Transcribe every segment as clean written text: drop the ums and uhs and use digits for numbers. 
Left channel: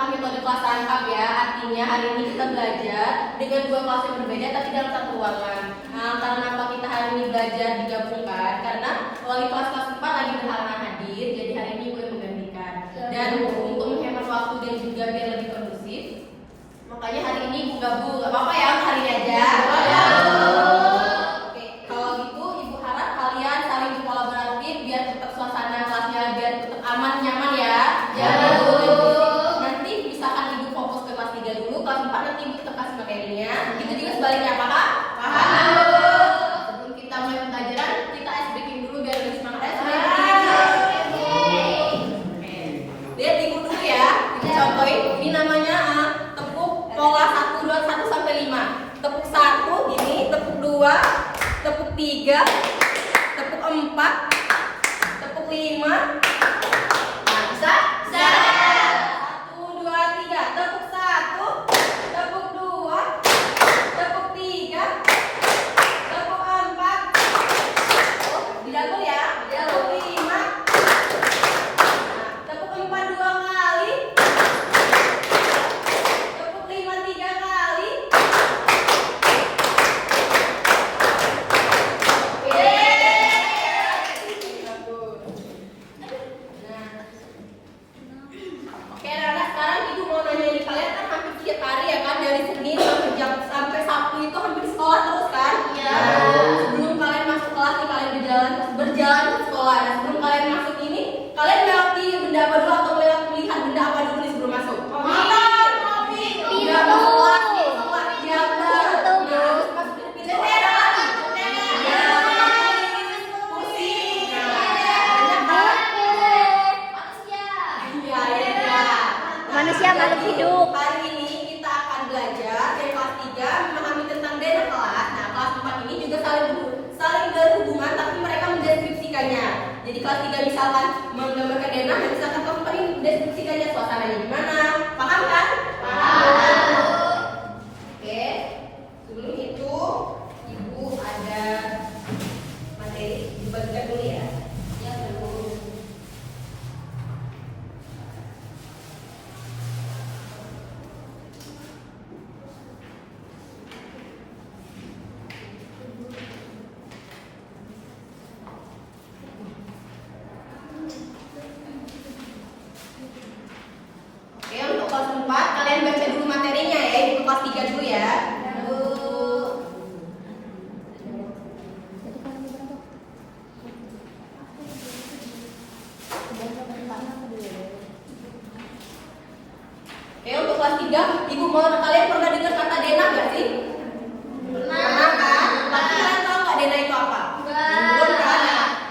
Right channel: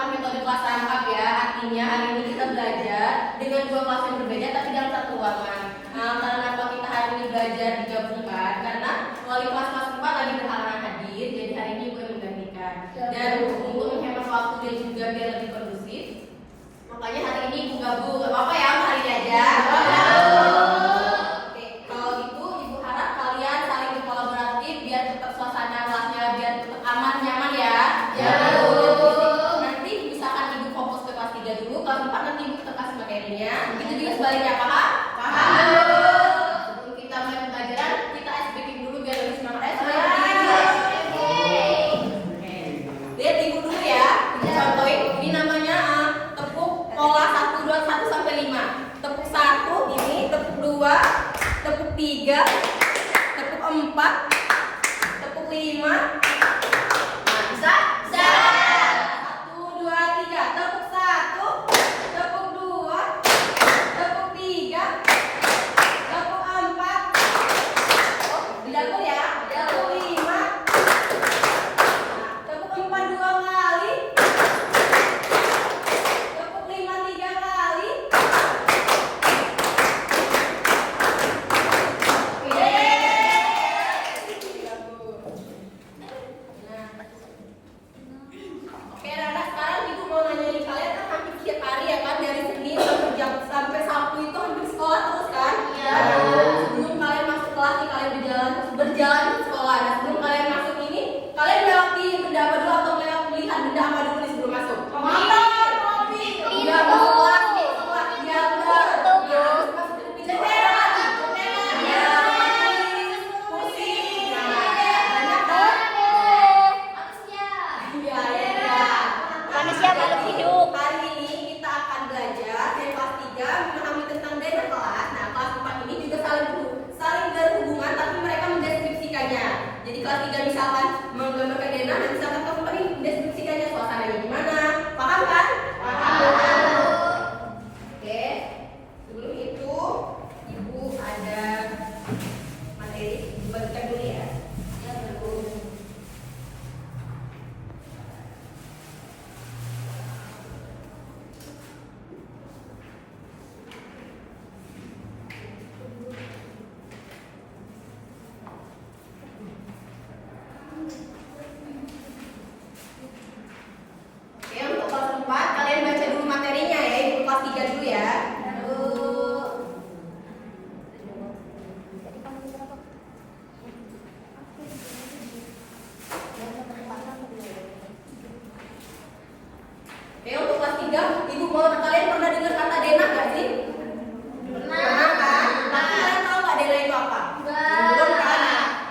menggunakan metode kelas rangkap ya. Artinya hari ini kita belajar dengan dua kelas yang berbeda tapi dalam satu ruangan. Karena apa kita hari ini belajar digabungkan? Karena wali kelas 4 lagi berhalangan hadir, jadi hari ini gue menggantikan. Dan untuk menghemat waktu dan juga biar lebih kondusif, makanya hari ini ibu gabung. Gak apa-apa ya, hari ini aja. Oke, kalau gitu ibu harap kalian saling berkolaboratif biar tetap suasana kelasnya biar tetap aman nyaman ya. Jangan nanti misalkan ibu fokus ke kelas 3 dulu, kelas 4 nanti ibu tetap kasih materinya. Begitu juga sebaliknya, paham? Paham. Sebelum kita mulai pelajaran, kita ice breaking dulu biar lebih semangat. Lihat ibu dulu ya. Kita contohin. Ini namanya tepuk pola 1, 2, 1 sampai 5. Tepuk 1 ini, tepuk 2, tepuk 3, tepuk 4, tepuk 5. Nah, bisa? Bisa. 1, 2, 3. Tepuk 1, tepuk 2, tepuk 3, tepuk 4. Oh, dijago ya. Tepuk 5. Tepuk 4 2 kali. Tepuk 5 3 kali. Oke. Oke, anak-anak, sekarang ibu mau nanya ini, kalian kan hampir tiap hari ya kan, dari Senin sampai Sabtu itu hampir sekolah terus kan? Iya. Sebelum kalian masuk kelas nih, kalian berjalan ke sekolah. Nah, sebelum kalian masuk ini, kalian melewati benda apa dulu atau melihat benda apa dulu nih sebelum masuk? Kopi. Udah masuk kelas nih, sekolah. Iya, benar. Nah, harus masuk ke pintu. Iya. Kursi. Nah, banyak kan? Iya. Manusia berhidup. Hari ini kita akan belajar dari kelas 3 memahami tentang denah kelas. Nah, kelas 4 ini juga saling berhubungan tapi mereka mendeskripsikannya. Jadi kelas 3 misalkan menggambarkan denah, dan misalkan kelas 4 ini mendeskripsikannya suasananya gimana. Paham kan? Paham. Oke. Sebelum itu ibu ada materi dibagikan dulu ya. Ya, dulu. Oke, untuk kelas 4 kalian baca dulu materinya ya, ibu kelas 3 dulu ya. Oke, untuk kelas 3, ibu mau kalian pernah dengar kata denah gak sih? Pernah kan? Tapi kalian tahu gak denah itu apa? Belum kan?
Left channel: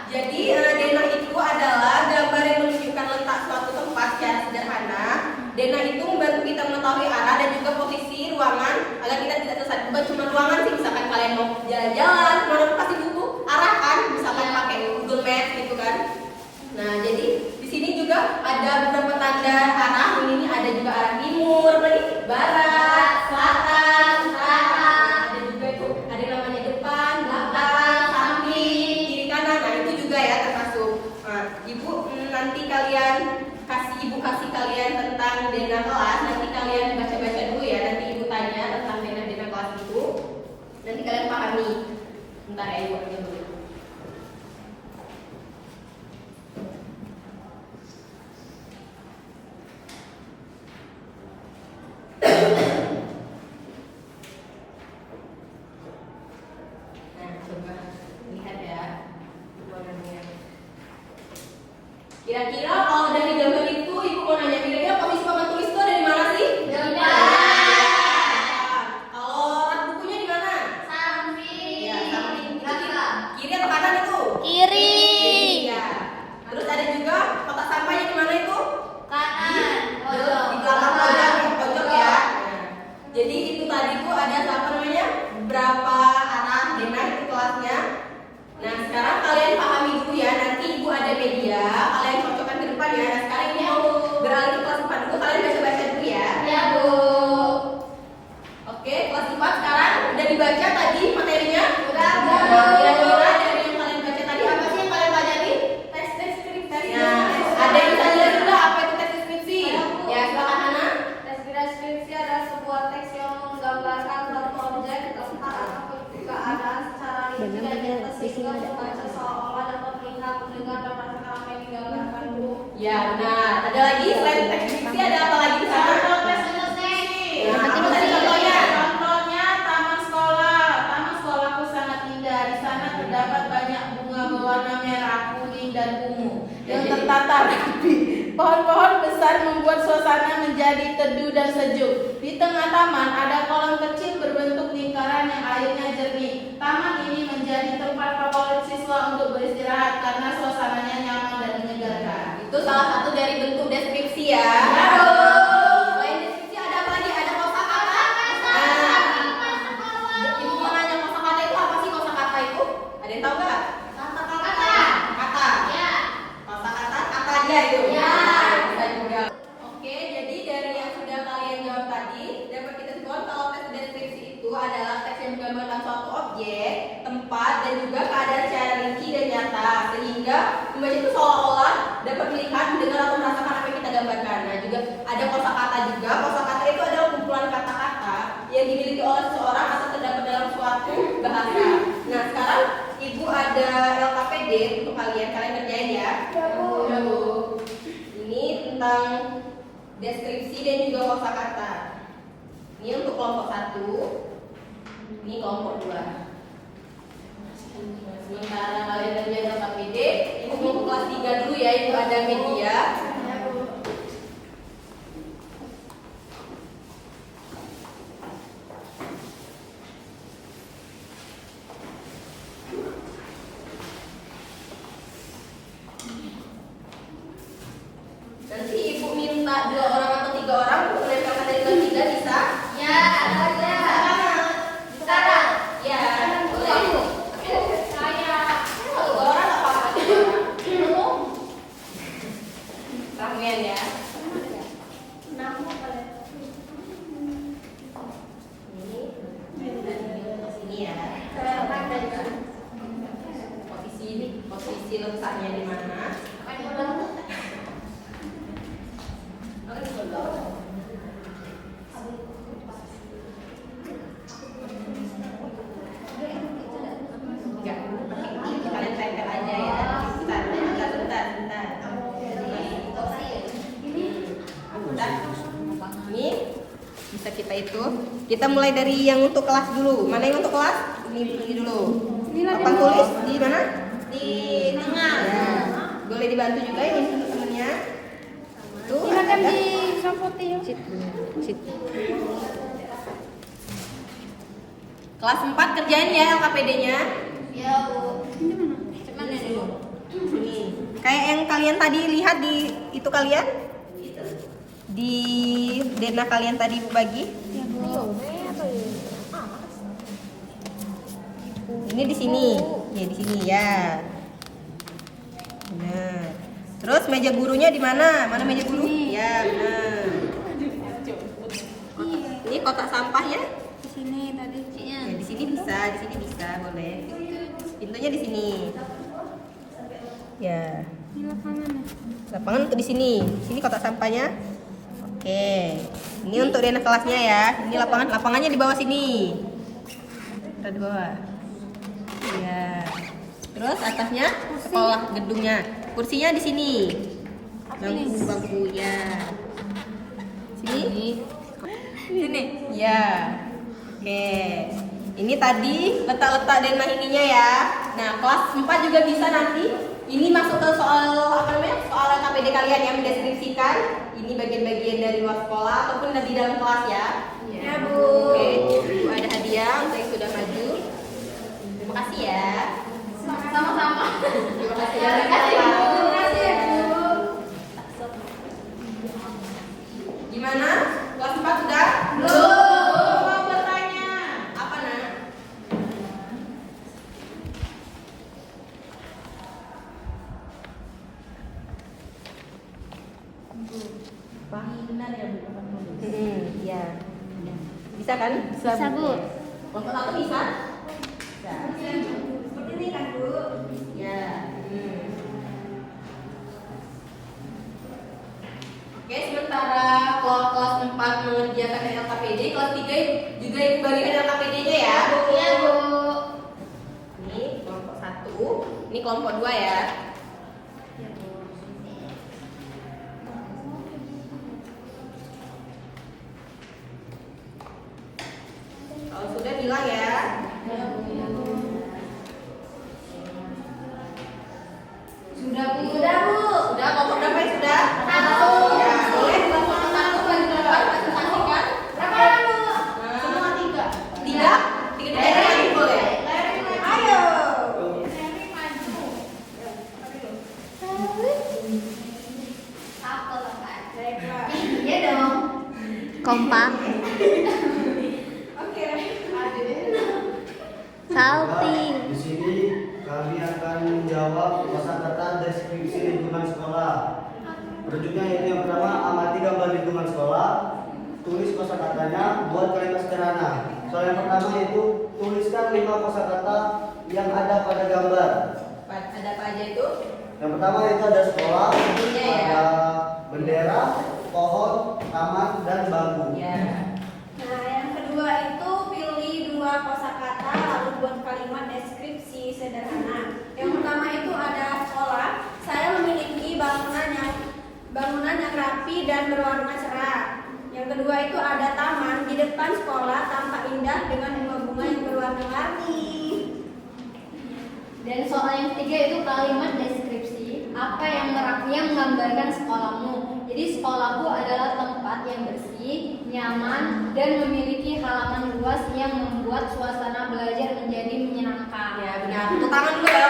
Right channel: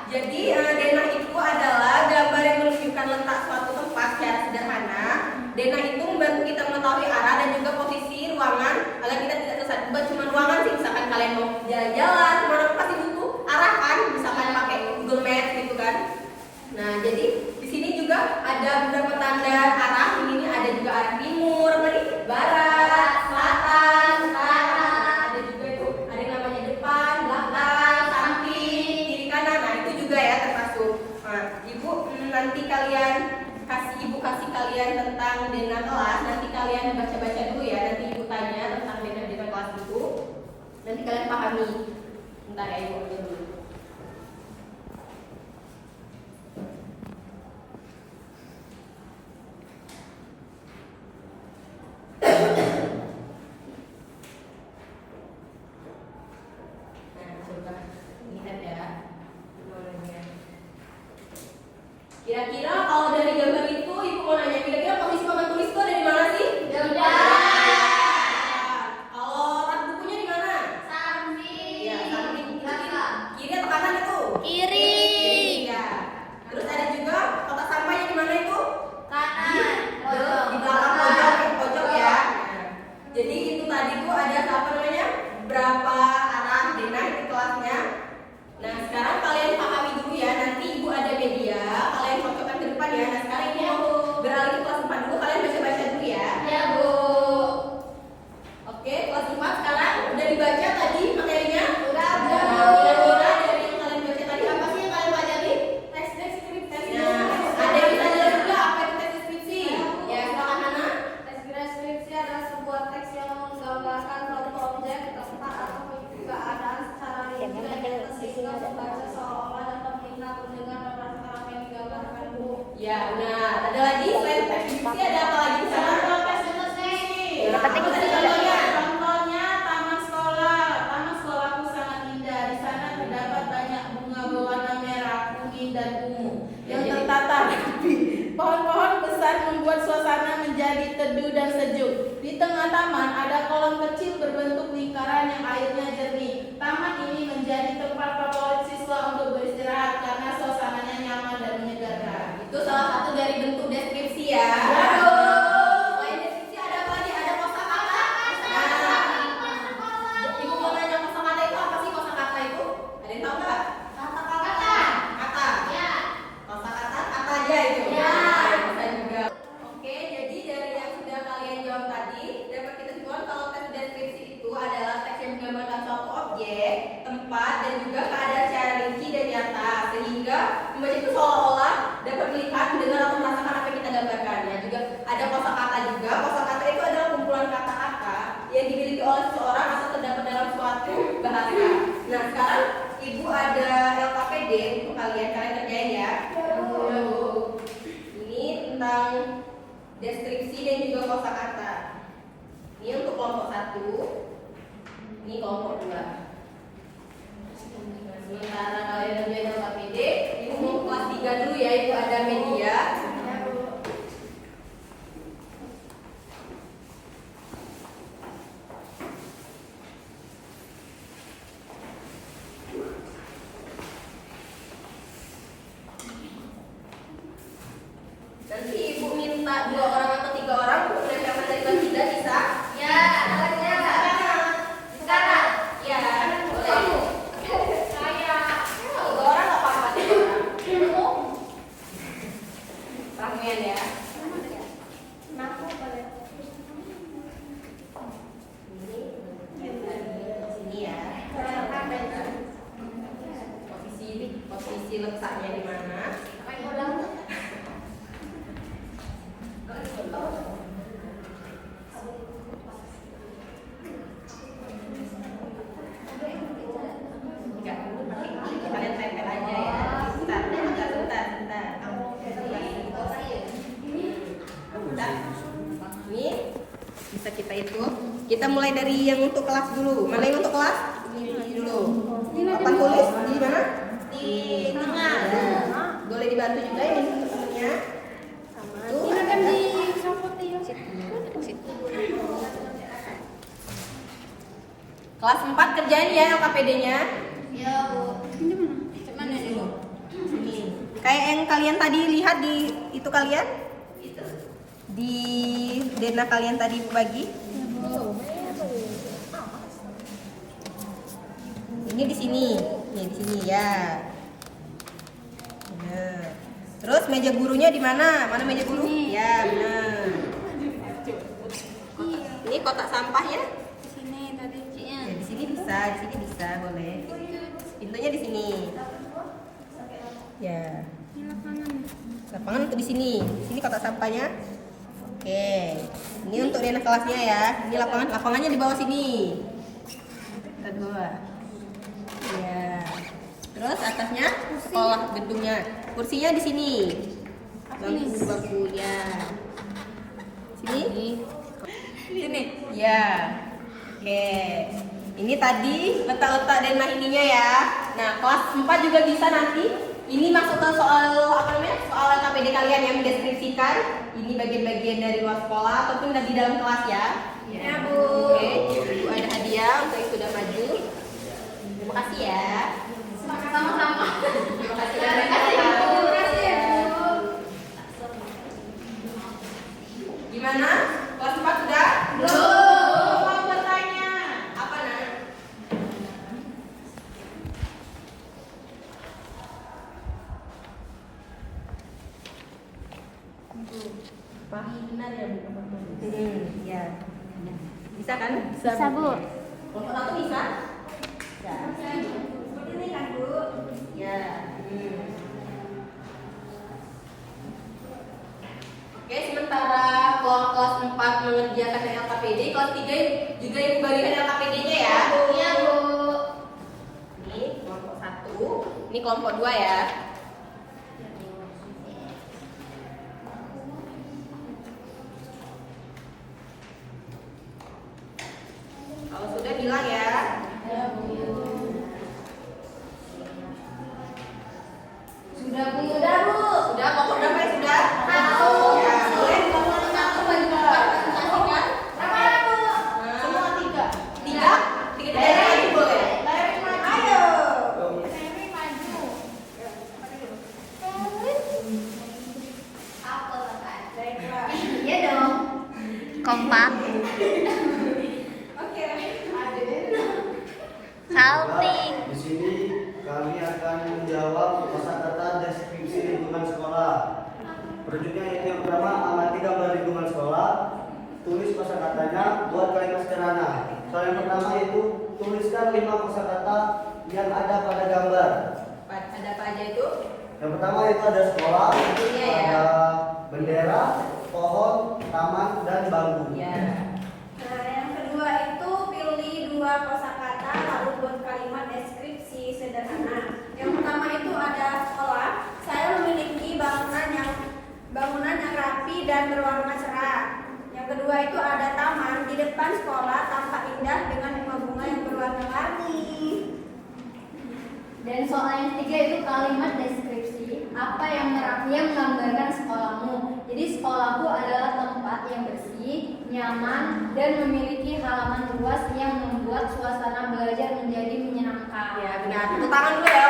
Jadi denah itu adalah gambar yang menunjukkan letak suatu tempat secara sederhana. Denah itu membantu kita mengetahui arah dan juga posisi ruangan agar kita tidak tersesat. Bukan cuma ruangan sih, misalkan kalian mau jalan-jalan, mana pasti butuh arah kan? Misalkan pakai Google Maps gitu kan. Nah, jadi di sini juga ada beberapa tanda arah. Ini ada juga arah timur, barat, selatan, utara. Ada juga itu, ada namanya depan, belakang, samping, kiri kanan. Nah, itu juga ya termasuk. Nah, ibu nanti kasih kalian tentang denah kelas. Nanti kalian baca-baca dulu ya. Nanti ibu tanya tentang denah kelas itu. Nanti kalian pahami. Bentar ya, ibu aja dulu. Nah, coba lihat ya. Kira-kira kalau dari gambar itu ibu mau nanya, kira-kira posisi papan tulis itu ada di mana sih? Depan. Kalau rak bukunya di mana? Samping. Ya, samping. Kiri besar membuat suasana menjadi teduh dan sejuk. Di tengah taman ada kolam kecil berbentuk lingkaran yang airnya jernih. Taman ini menjadi tempat favorit siswa untuk beristirahat karena suasananya nyaman dan menyegarkan. Itu salah satu dari bentuk deskripsi ya. Ya. Selain deskripsi ada apa nih? Ada kosakata. Nah, Ibu mau nanya kosakata itu apa sih kosakata itu? Ada yang tahu nggak? Kata. Ya. Kosakata apa aja itu? Ya. Bisa juga. Oke, jadi dari yang sudah kalian jawab tadi, dapat kita simpulkan kalau teks deskripsi itu adalah teks yang menggambarkan suatu objek, tempat, dan juga keadaan secara rinci dan nyata, sehingga membaca itu seolah-olah dapat melihat, mendengar, atau merasakan apa yang kita gambarkan. Nah, juga ada kosakata juga. Kosakata itu adalah kumpulan kata-kata yang dimiliki oleh seseorang atau terdapat dalam suatu bahasa. Nah, sekarang Ibu ada LKPD untuk kalian kerjain ya. Ya, Bu. Ini tentang deskripsi dan juga kosakata. Ini untuk kelompok 1. Ini kelompok 2. Sementara kalian kerjain LKPD, Ibu mau ke kelas 3 dulu ya. Ibu ada media. Nanti Ibu minta 2 orang atau 3 orang untuk menempelkan dari kelas 3 bisa? Ya. Sekarang. Ya, boleh. Saya. Kalau 2 orang nggak apa-apa, 3 orang. Ramean ya. Sini ya. Posisi letaknya di mana? Enggak, kalian tempel aja ya. Bentar. Ini bisa kita itu. Kita mulai dari yang untuk kelas dulu. Mana yang untuk kelas? Ini dulu. Papan tulis di mana? Di tengah. Ya. Boleh dibantu juga ini temennya. Tuh. Silakan disamputin. Kelas 4 kerjain ya LKPD-nya. Ya, Bu. Mana dulu? Sini. Kayak yang kalian tadi lihat di itu kalian? Di dena kalian tadi Bu bagi. Ini di sini. Nih di sini ya. Benar. Terus meja gurunya di mana? Mana meja guru? Ya, benar. Ini kotak sampah ya? Di sini tadi Ya, di sini bisa, boleh. Pintunya di sini. Ya. Di lapangan. Lapangan untuk di sini. Sini kotak sampahnya. Oke. Ini untuk dena kelasnya ya. Ini lapangannya di bawah sini. Kita di bawah. Ya. Terus atasnya sekolah gedungnya. Kursinya di sini. Bangku ya. Sini. Sini. Ya. Oke. Ini tadi letak-letak denah ininya ya. Nah, kelas 4 juga bisa nanti. Ini masuk ke soal apa namanya? Soal KPD kalian yang mendeskripsikan ini bagian-bagian dari luar sekolah ataupun di dalam kelas ya. Ya, Bu. Oke, Ibu ada hadiah untuk yang sudah maju. Terima kasih ya. Sama-sama. Terima kasih. Terima kasih, Bu. Terima kasih, Bu. Gimana? Kelas 4 sudah? Belum. Mau bertanya. Apa nak? Pak, benar ya Bu? Ya. Bisa kan? Bisa, Bu. Kelompok 1 bisa? Bisa. Seperti ini kan Bu? Ya. Oke, sementara kelas 4 mengerjakan LKPD, kelas 3 juga yang membagikan LKPD-nya ya. Iya, Bu. Ini kelompok 1, ini kelompok 2 ya. Kalau sudah bilang ya. Sudah, Bu. Sudah, Bu. Sudah kelompok berapa ya sudah? Satu. Ya, Rujuknya yaitu yang pertama, amati gambar lingkungan sekolah, tulis kosakatanya, buat kalimat sederhana. Soal yang pertama yaitu tuliskan 5 kosakata yang ada pada gambar. Ada apa aja itu? Yang pertama itu ada sekolah, Iya, ya. ada bendera, pohon, taman, dan bangku. Ya. Nah, yang kedua itu pilih 2 kosakata lalu buat kalimat deskripsi sederhana. Yang pertama itu ada sekolah. Saya memiliki bangunan yang rapi dan berwarna cerah. Yang kedua itu ada taman. Di depan sekolah tampak indah dengan bunga-bunga yang berwarna-warni. Dan soal yang ketiga itu kalimat deskripsi, apa yang menggambarkan sekolahmu. Jadi sekolahku adalah tempat yang bersih, nyaman, dan memiliki halaman luas yang membuat suasana belajar menjadi menyenangkan. Ya, benar. Tepuk tangan dulu ya.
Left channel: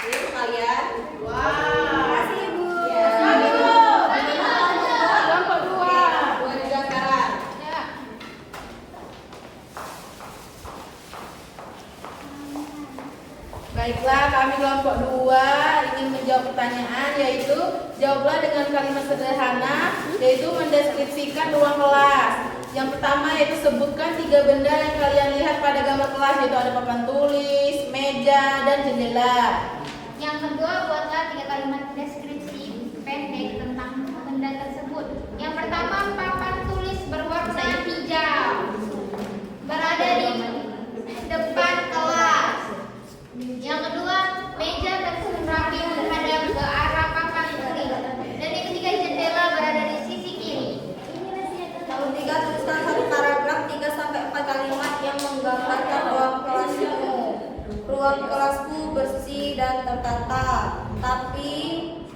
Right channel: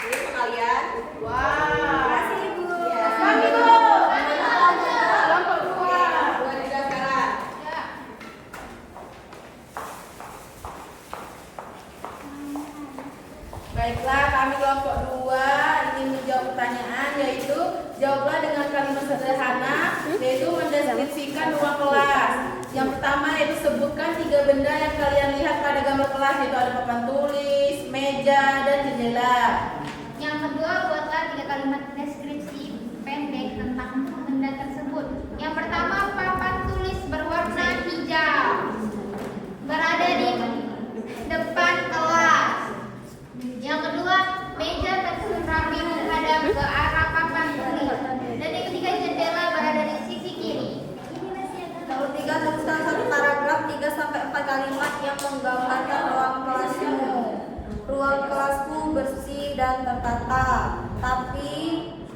Ini untuk kalian. Terima kasih, Ibu. Ya. Kelompok 2. Dua juga sekarang. Baiklah, kami kelompok 2 ingin menjawab pertanyaan, yaitu jawablah dengan kalimat sederhana, yaitu mendeskripsikan ruang kelas. Yang pertama yaitu sebutkan 3 benda yang kalian lihat pada gambar kelas, yaitu ada papan tulis, meja, dan jendela. Yang kedua, buatlah 3 kalimat deskripsi pendek tentang benda tersebut. Yang pertama, papan tulis berwarna hijau berada di depan kelas. Yang kedua, meja tersusun rapi menghadap ke arah papan tulis. Dan yang ketiga, jendela berada di sisi kiri. Nomor 3, tuliskan 1 paragraf 3 sampai 4 kalimat yang menggambarkan ruang kelasmu. Ruang kelasku bersih dan tertata, tapi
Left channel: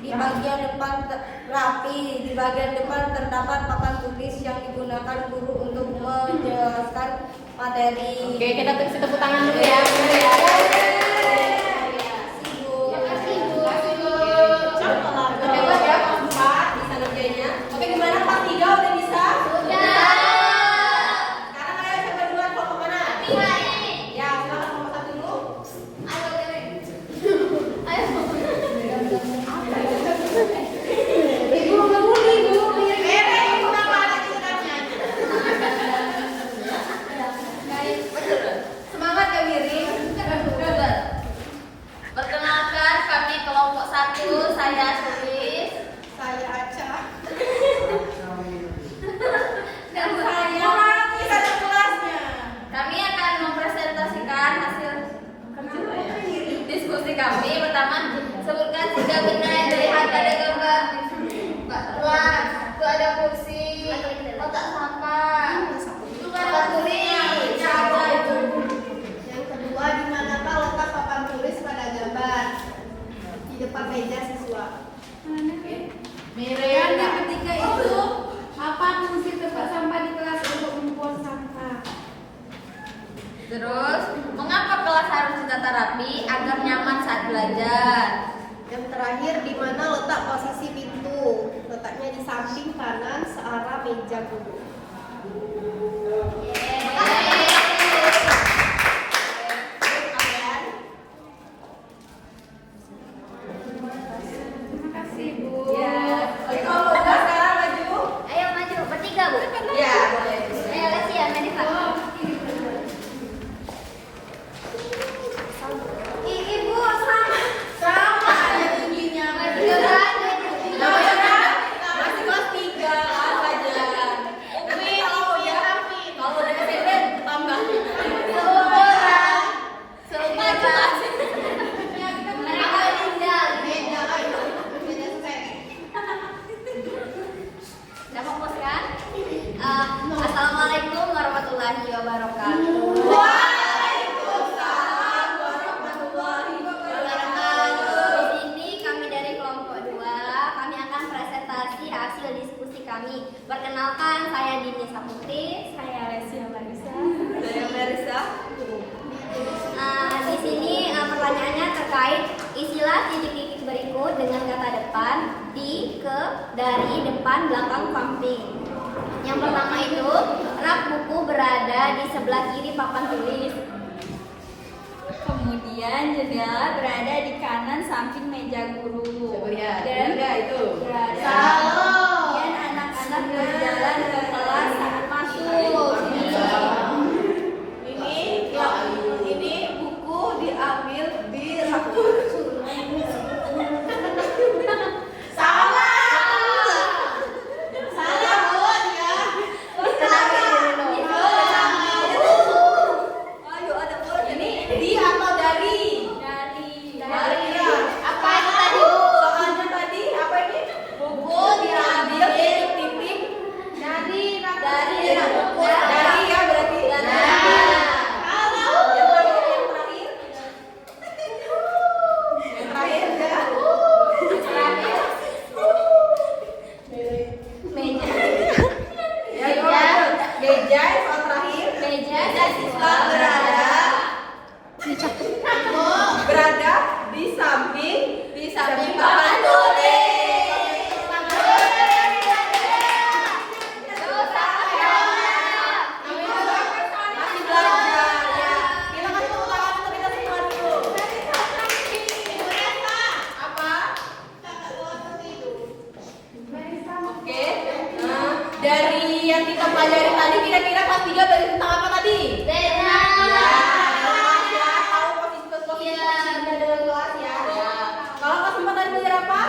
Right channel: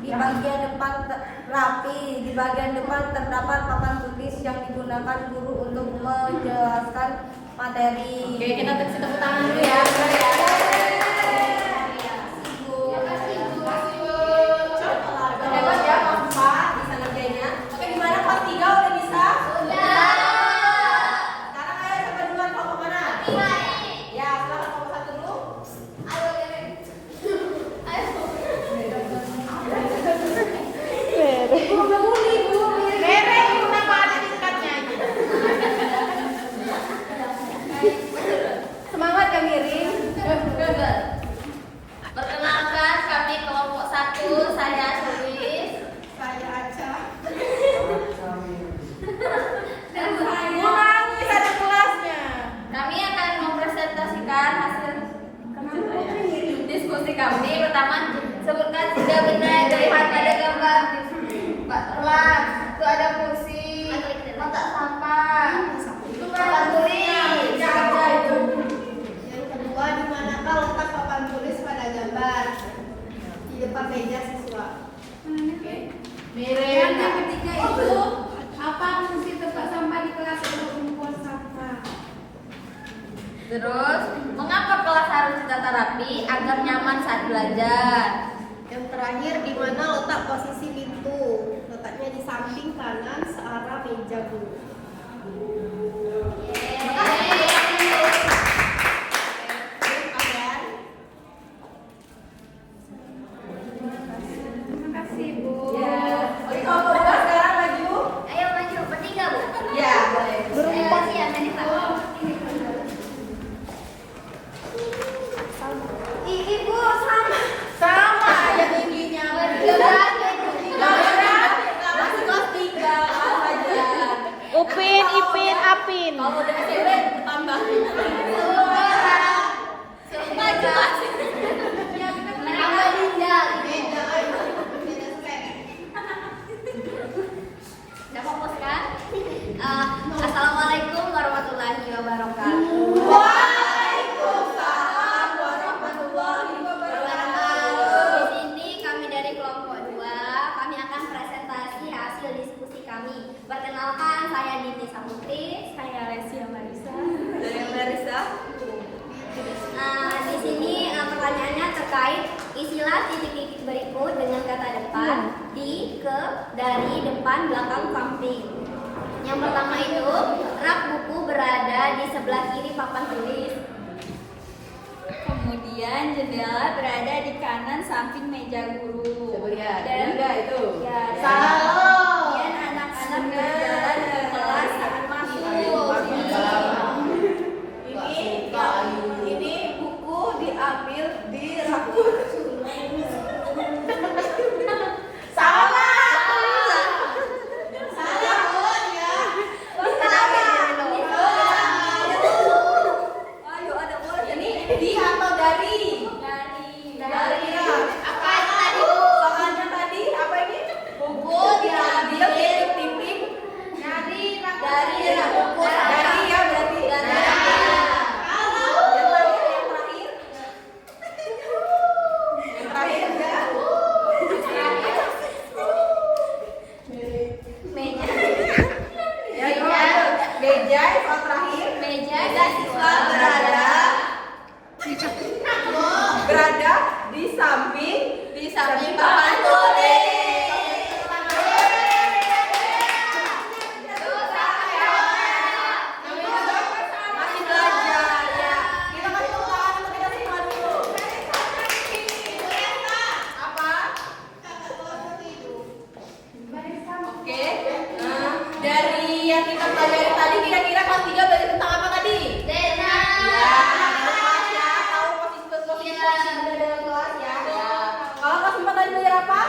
di bagian depan rapi. Di bagian depan terdapat papan tulis yang digunakan guru untuk menjelaskan materi. Oke, kita kasih tepuk tangan dulu ya. Benar ya. Hebat ya, Pak 4 bisa ngerjainnya. Oke, gimana Pak 3 udah bisa? Sekarang kalian kedua kelompok mana? Ya, sekarang kelompok 1 dulu. Ibu bangun, Ibu. Mere, kenapa ada di dekatnya? Semangat ya Mirin. Perkenalkan, kami kelompok 1, saya Sulis. Saya Aca. Dan Bisa ada kelasnya. kami akan mempresentasikan hasil diskusi kami. Pertama, sebutkan 3 benda yang terlihat pada gambar kelas. Itu ada kursi, kotak sampah, papan tulis. Yang kedua, di manakah letak papan tulis pada gambar? Di depan meja siswa. Mere, Dan yang ketiga itu, apa fungsi tempat sampah di kelas untuk membuang sampah? Terus, mengapa kelas harus ditata rapi agar nyaman saat belajar? Yang terakhir, di mana letak posisi pintu? Letaknya di samping kanan searah meja guru. Terima kasih, Bu. Ya. Oke, kelompok 2 sekarang maju. Ayo maju, bertiga Bu. Ya, boleh. Ayo siap, Nanita. Ibu, sama. sama ada tingginya. Masuk kelas 3 aja. Upin, Apin. Kalau udah SMP tambah. Udah fokus kan? Assalamualaikum warahmatullahi wabarakatuh. Waalaikumsalam warahmatullahi wabarakatuh. Di sini kami dari kelompok 2, kami akan presentasi hasil diskusi kami. Perkenalkan, saya Dini Saputri, saya Lesia Marisa. Saya Marisa. Di sini pertanyaannya terkait isilah titik-titik berikut dengan kata depan, di, ke, dari, depan, belakang, samping. Yang pertama itu, rak buku berada di sebelah kiri papan tulis. Kemudian jendela berada di kanan samping meja guru. Coba lihat, Dan enggak itu? ya, Salah. kemudian anak-anak berjalan ke kelas saat masuk. Ini buku diambil di rapor. Ayo ada word. Ini di atau dari? Dari ya. Apa itu tadi? Soalnya tadi apa ini? Buku diambil dari pimpin. Dari ya buku. Dari ya berarti. Yang terakhir. Yang terakhir ya. Meja. Ya, itu ada. Meja yang terakhir. Meja dan siswa Berada di samping papan tulis. Masih belajar ya. Kita kasih tepuk tangan untuk kita semua dulu. Apa? Oke. Nah, dari yang kita pelajari tadi kira-kira kelas 3 belajar tentang apa tadi? Ya, kelas ya. Tahu posisi ada dalam kelas ya. Kalau kelas 5 tadi belajar apa?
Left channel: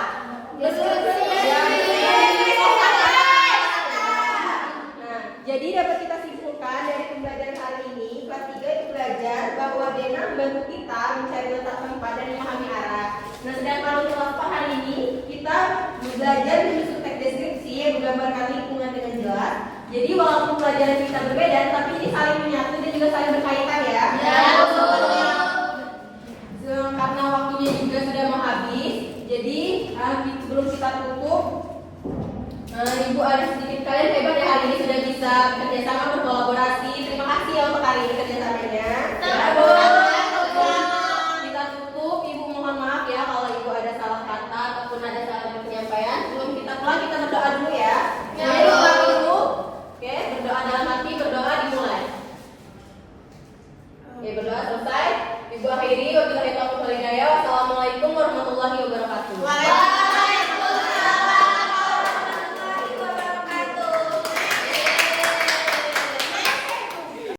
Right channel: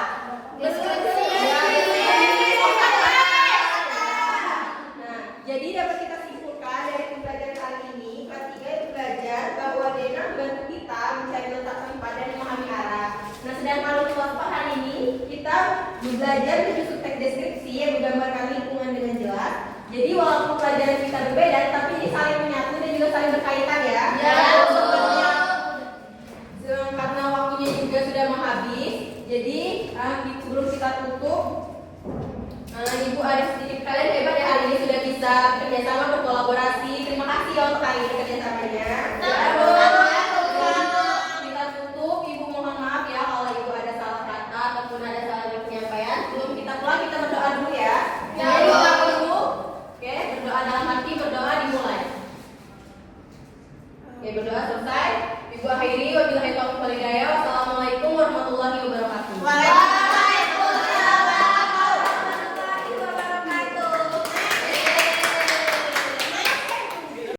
Nah, jadi dapat kita simpulkan dari pembelajaran hari ini, kelas 3 itu belajar bahwa Dena membantu kita mencari letak tempat dan memahami arah. Nah, sedangkan untuk kelas 4 hari ini, kita belajar menyusun teks deskripsi yang menggambarkan lingkungan dengan jelas. Jadi walaupun pelajaran kita berbeda, tapi ini saling menyatu dan juga saling berkaitan ya. Karena waktunya juga sudah mau habis, jadi sebelum kita tutup, Ibu ada sedikit kalian hebat ya hari ini sudah bisa bekerjasama berkolaborasi. Terima kasih ya untuk hari ini kerjasamanya.